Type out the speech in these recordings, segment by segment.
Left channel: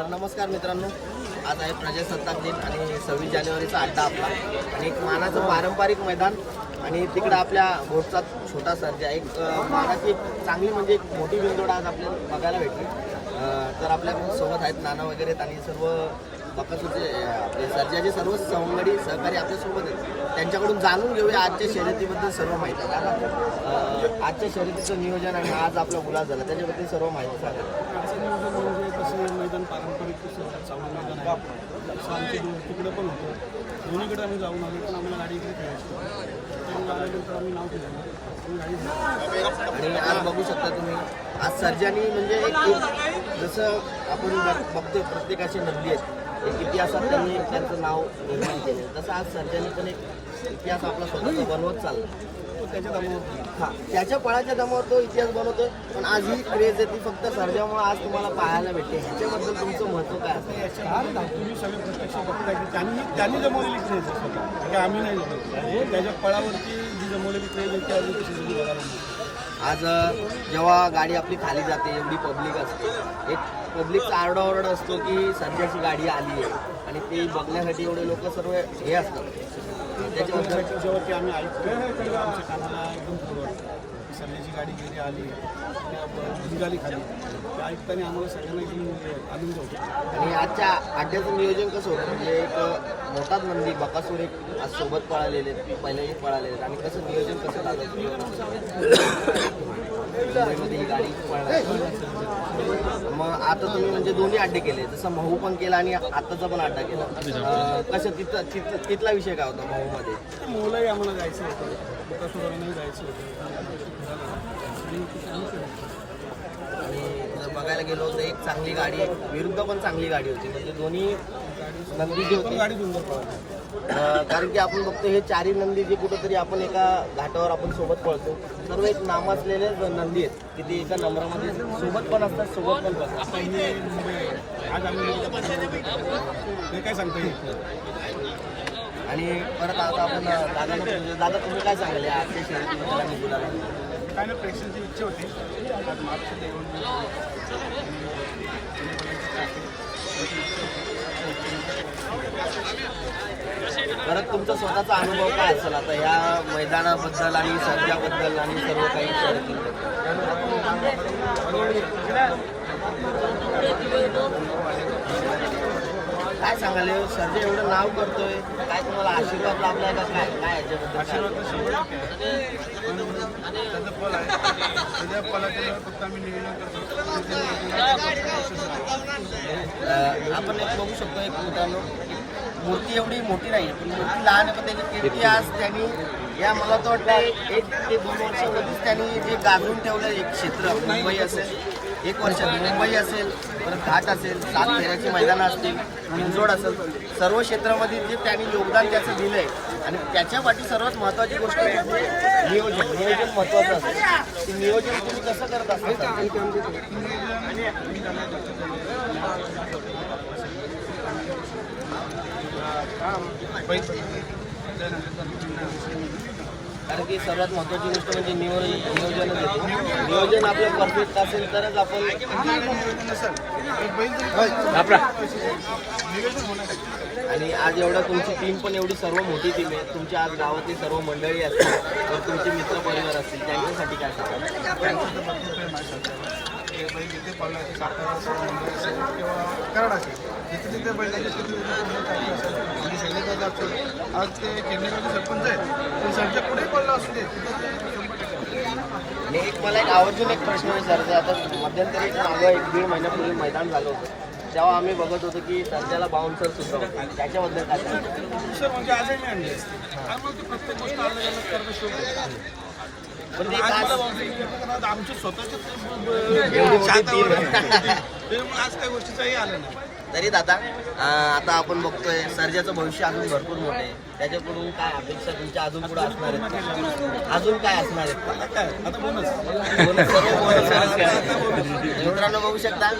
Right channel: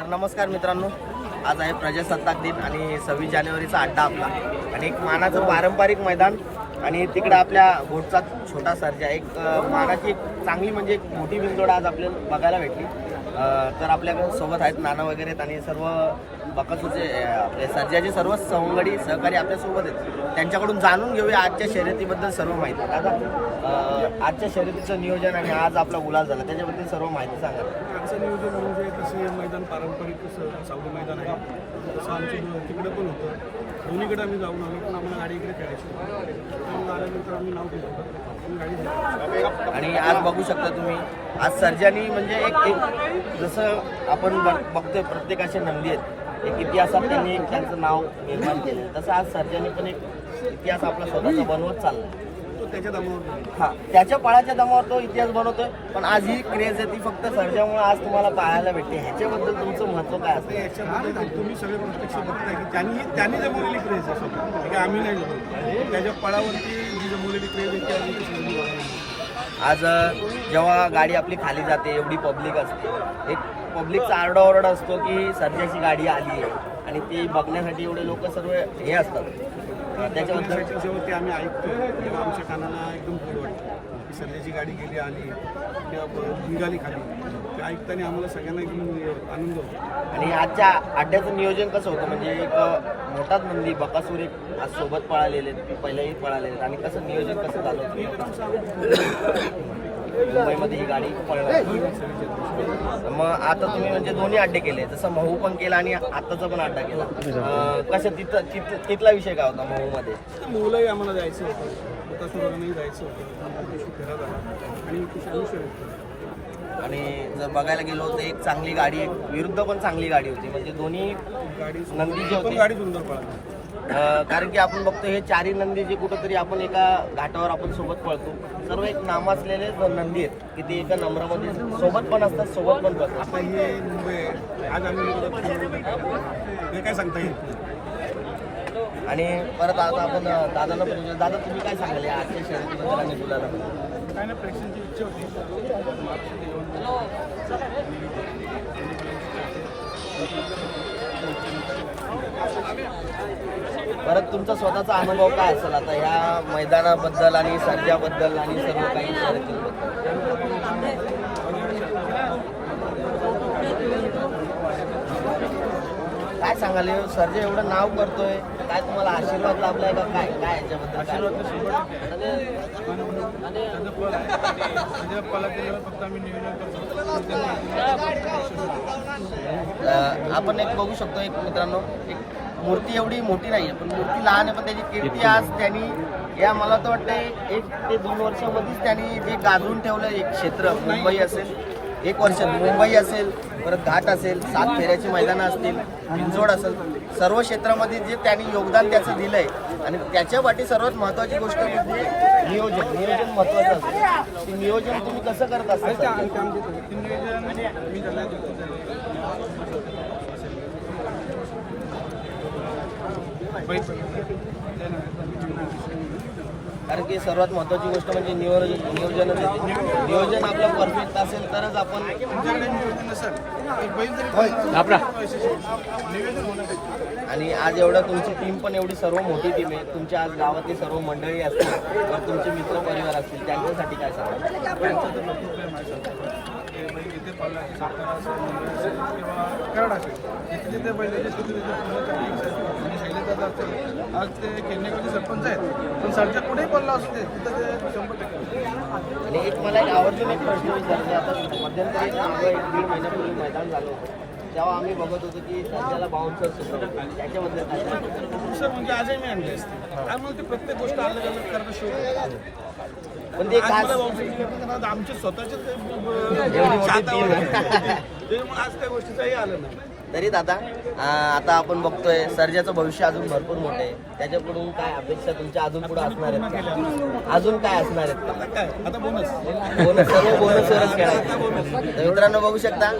तर नमस्कार मित्रांनो आज आहे प्रजासत्ताक दिन आणि सव्वीस जानेवारीचा अड्डा आपला. आणि एक मानाचं पारंपरिक मैदान आणि तिकडं आपल्या घोटचा छोटा सर्जा एक अं, मानाची चांगली म्हणजे एक मोठी बिंदोड आज आपल्याला बघायला भेटली. तर आपल्याकडे सोबत आहेत नाना वगैरे आहेत आणि सर्व बकासूरचे आपले सर्जाचे सर्व सवंगडी सहकारी आपल्यासोबत आहेत. त्यांच्याकडून जाणून घेऊया आजच्या शर्यतीबद्दल सर्व माहिती. दादा आजच्या शर्यतीचं नियोजन आणि आज आपला उलास झाला त्याच्याबद्दल सर्व माहिती सांगा. आजचं नियोजन म्हणजे तसं मैदान पारंपरिक सावली मैदान आहे. तसं आमचं तिकडं पण होतं. दोन्हीकडे आम्ही जाऊन आलो पण आम्हाला गाडी इकडे खेळायची आल्यानंतर आम्ही नाव ठेवलं आम्ही गाडी झाली आणि आज बघू शकता तुम्ही आज सर्जानी म्हणजे एक एक जसं आपण बघ- बघतोय प्रत्येकाचे नंदी आहेत. एक इतिहासात त्यांनी एक त्यांचं नाव निर्माण केलं तसं आज सर्जानी पण एक इतिहास आपला स्वतःचा बनवत चाललाय. तो त्याच्या दमावर. हा त्याच्या पळाच्या दमावर तो इतिहास बनवतोय पण आज ही क्रेज आहे ती फक्त सर्जामुळे आज तुम्हाला पाहायला भेटते ह्याच्याबद्दल तुमचं महत्त्व काय असेल याच्याबद्दल तुम्ही सगळे प्रत्यक्ष बघताय की त्यांनी त्यांनी जमवलेली क्रेज आहे स्वतः आम्ही नाही. त्याच्या पळावरती जी जमवलेली क्रेज आहे ती आम्ही बघायला मिळते आज जेव्हा गाडी आपली खाली जाते एवढी पब्लिक असते. एक पब्लिकचा आरडाओरडा असतो की सध्याची गाडी आली आहे. आणि ती बघण्यासाठी एवढे लोक सर्व हे असतात. अ, आम्ही ऐकतो. तेव्हा आमच्या कानाला एकदम गोड वाटतं. की सर्जाची गाडी गेली आली किंवा निघाली खाली. ते ऐकताना आम्हाला सगळ्यांना एकदम आनंद होतो. आणि आजच्या अड्ड्याचं नियोजन कसं होतं? म्हणजे एक मोठाच नंदी बकासूर एक आज सोबत पळालेले पहिल्याही पळालेले. आणि कसं नियोजन कसं झालं? मुंबईमध्ये ही गाडी पळणार. मग आता तुम्ही म्हणजे दोन्ही अड्डे केले. जसं महू पण केला आणि आताचा पण अड्डा केला. अ, कसं तिथं तिथं तिथला विषय काय होता महूमध्ये? मुलंही आम्हाला जायचं होतं. बकासुरांनाही जायचं होतं. आणि जर बघायला गेलो तर एक चांगली गाडी एक विरुद्ध पण चांगली गाडी होती. म्हणजे दोन्ही गाडी नंदी जे होती. गाडी सुंदर पळाली. कारण की आपण बघतो हे चारही नंदी जे कुठंतरी आपण एका घाटावर आपण सोबत पळतो. सर्व एक नामासलेले नंदी आहेत. की ते एका नंबरामध्ये सोबत पण असतात सोबत पण पळतात. आता ही मुंबई आहे. आज आम्ही हे काय सांगता येत नाही. आणि परत आता आपण अ, दादाला पण. दादा तुम्ही काय सांगाल या आजच्या शर्यतीबद्दल आणि गुलाला काय नाही प्रेक्षकांची इच्छा होती आज महाराष्ट्रात येऊन. परत तुमचा स्वतःचा अनुभव काय असेल आता या मैदानाबद्दल आणि सध्याबद्दल आणि सर्व काही शर्यतींबद्दल काय सांगाल सर्जे एवढं नाव करतोय काय तुम्हाला आशीर्वाद लाभलाय का काय काय याच्याबद्दल? आशीर्वाद तर शंभर टक्के आहे. पण त्याचं फल आहे त्याच्या फलाचे फक्त आम्ही नियोजन करतो ते त्यांनी यशस्वी होतो. अं, आपण एक बघू शकतो एक मित्रांनो मूर्ती एवढी मोठी नाही पण मूर्ती लहान आहे पण त्याची कीर्ती आज त्यांनी या मला तर वाटतं एक ते दोन वर्षामध्येच त्यांनी जे गाजवून ठेवलं एक क्षेत्र मुंबई असेल एक वर्षात मुंबई असेल परत घाट असेल सात फेऱ्याची मैदानं असतील पिंजोड असेल सर्व क्षेत्रामध्ये जे त्यांनी योगदान त्याचं दिलं आहे आणि त्याच्यासाठी सर्वात महत्त्वाची गोष्ट म्हणजे नियोजन. नियोजन महत्त्वाचं असतं. ते नियोजन तुम्ही कसं करत असता कारण की सर्वात महत्त्वाची गोष्ट म्हणजे नियोजन नियोजनच नियोजन आपलं परफेक्ट असेल तरच आपण नियोजन नसेल. आणि आज एवढं तुमची टीम पण एवढी सर्व मोठी टीम आहे तुमच्या आज गावातली सर्व मंडळी असतील तर तुमचे मित्र परिवार असतील त्यांच्यासाठी काय सांगा संस्थेवर. ते बैल जिथे पडला असेल सातारा असेल मुंबई असेल किंवा कराड असेल जिथे तिथे बैल जायचे तिथे तिथे पूर्ण चालू असेल शैलेदादा असेल आज ते केडणेगावचे सरपंच आहेत पण सरच्या पुढेही पडला असू दे तिथं ते शंभर टक्के असतील. आणि एक मला एक आवर्जून एक प्रश्न विचारायचा. आता मध्यंतरी एक दीड महिन्यापूर्वी मैदान झालं होतं. तेव्हा आम्ही बघत होतो की सध्याला बाउन्सर त्याच्याबद्दल म्हणजे आजही मी आणले त्यामुळे ते प्रत्येक गोष्ट अलग अलग आहे पण ते आमचे स्वतःचे आज काही गोष्टीचाही आलं नाही. तरी दादा आता आपण बघतोय सर्जाचं भविष्य अजून भरपूर मोठं आहे. त्याच्याकडून काय अपेक्षा तुमच्या अजून पुढे असणार आहेत? अजून काय असणार आहेत? आता बोनस बोनस सर्व. तर मित्रांनो बघू शकता.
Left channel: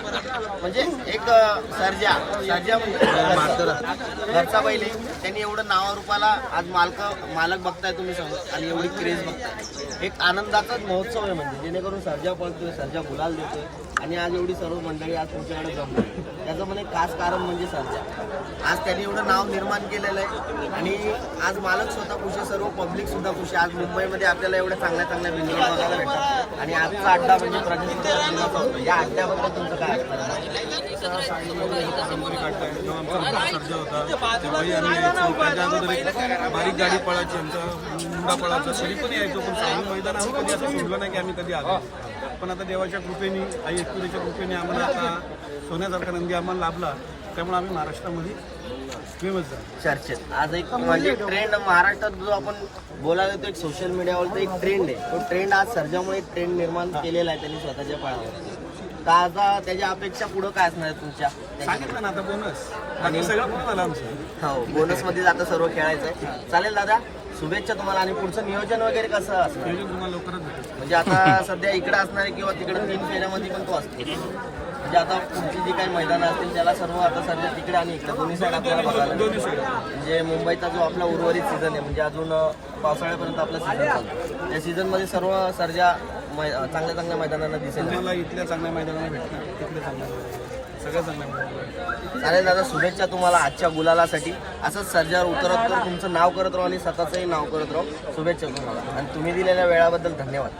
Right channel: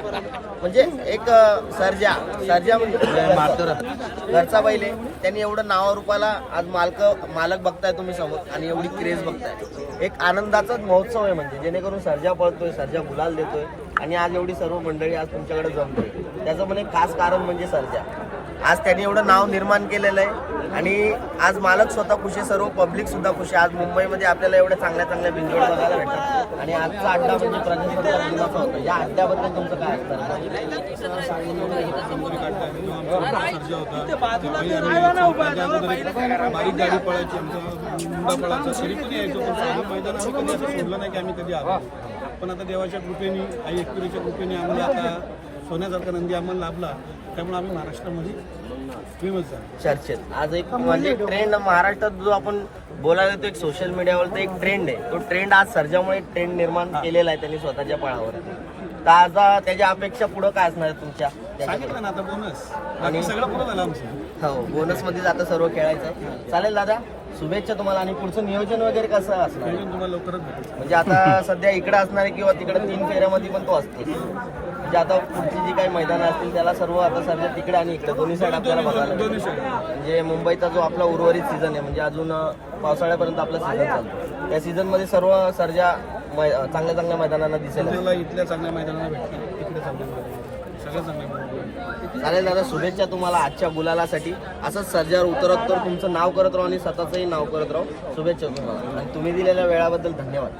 म्हणजे एक सर्जा. सर्जा म्हणजे घरचा. बैल आहे. त्यांनी एवढं नावारूपाला आज मालक मालक बघताय तुम्ही समोर आणि एवढी क्रेज बघताय. एक आनंदाचाच महोत्सव आहे म्हणजे. जेणेकरून सर्जा पळतोय सर्जा गुलाल देतोय. आणि आज एवढी सर्व मंडळी आज तुमच्याकडे जमते त्याचं म्हणे एक खास कारण म्हणजे सर्जा. आज त्यांनी एवढं नाव निर्माण केलेलं आहे आणि आज मालक स्वतः खुश आहे सर्व पब्लिक सुद्धा खुश. आहे आज मुंबईमध्ये आपल्याला एवढ्या चांगल्या चांगल्या बिंजोड बघायला भेटतात. आणि आजचा अड्डा म्हणजे प्रजासत्ताक दिनाचा होता. या अड्ड्याबद्दल तुमचं काय असतं सर्जा होता तेव्हाही आम्ही अगोदर एक बारीक गाडी पळायची आमचा मुंडा पळायचा. तरी पण यायचो पण सांगली मैदान आम्ही कधी असं सोडलं नाही की आम्ही कधी आलो. पण आता देवाच्या कृपेने आई एकविरीच्या कृपेने आम्हाला आता सोन्यासारखा नंदी आम्हाला लाभला त्यामुळे आम्ही महाराष्ट्रामध्ये फेमस झालो. चर्चेत. आज एक म्हणजे ट्रेंड महाराष्ट्रात जो आपण बोलायला तो एक सोशल मीडियावर एक ट्रेंड आहे. तो ट्रेंड आज सर्जामुळे एक ट्रेंड निर्माण केलेला आहे त्यांनी स्वतःच्या पळावरती तर आता त्याच्या अपेक्षा पुढं काय असणार आहे तुमच्या? सांगितलं ना आता बोनस बाकी सगळं पूर्ण झालं आमचं. हो बोनसमध्ये आता सर्व खेळायचं आहे. चालेल दादा? शुभेच्छा तुम्हाला आणि पुढचं नियोजन वगैरे कसं असणार? आहे? नियोजन तुम्हाला लवकरच भेटेल. म्हणजे आता सध्या इकडे असणार आहे किंवा तिकडे तीन फेऱ्यामध्ये पण तो असतो म्हणजे आता पुढची जी काही मैदानं असतील त्याला सर्व आता सध्या तिकडे आणि इकडे दोन्ही साईड आपल्याला बघायला दोन्ही भेटतील. म्हणजे मुंबईचा जो आपला उर्वरित सीझन आहे म्हणजे अजून अं, पावसाळ्यापर्यंत आपला सीझन चालतो. त्या सीझनमध्ये सर्व सर्जा मै- अं, चांगल्या चांगल्या मैदानांना दिसेल तुम्हाला इथल्या चांगल्या मैदानाला भेटणार. तिकडे चांगल्या मैदानाला चालेल दादा शुभेच्छा तुम्हाला आजच्या गुलालासाठी. असंच सर्जावर उतरत तर तुमचं नाव करत राहू आणि स्वतःचंही नाव करत राहू. शुभेच्छा तुम्हाला. आणि तुम्ही दिलेल्या वेळाबद्दल धन्यवाद.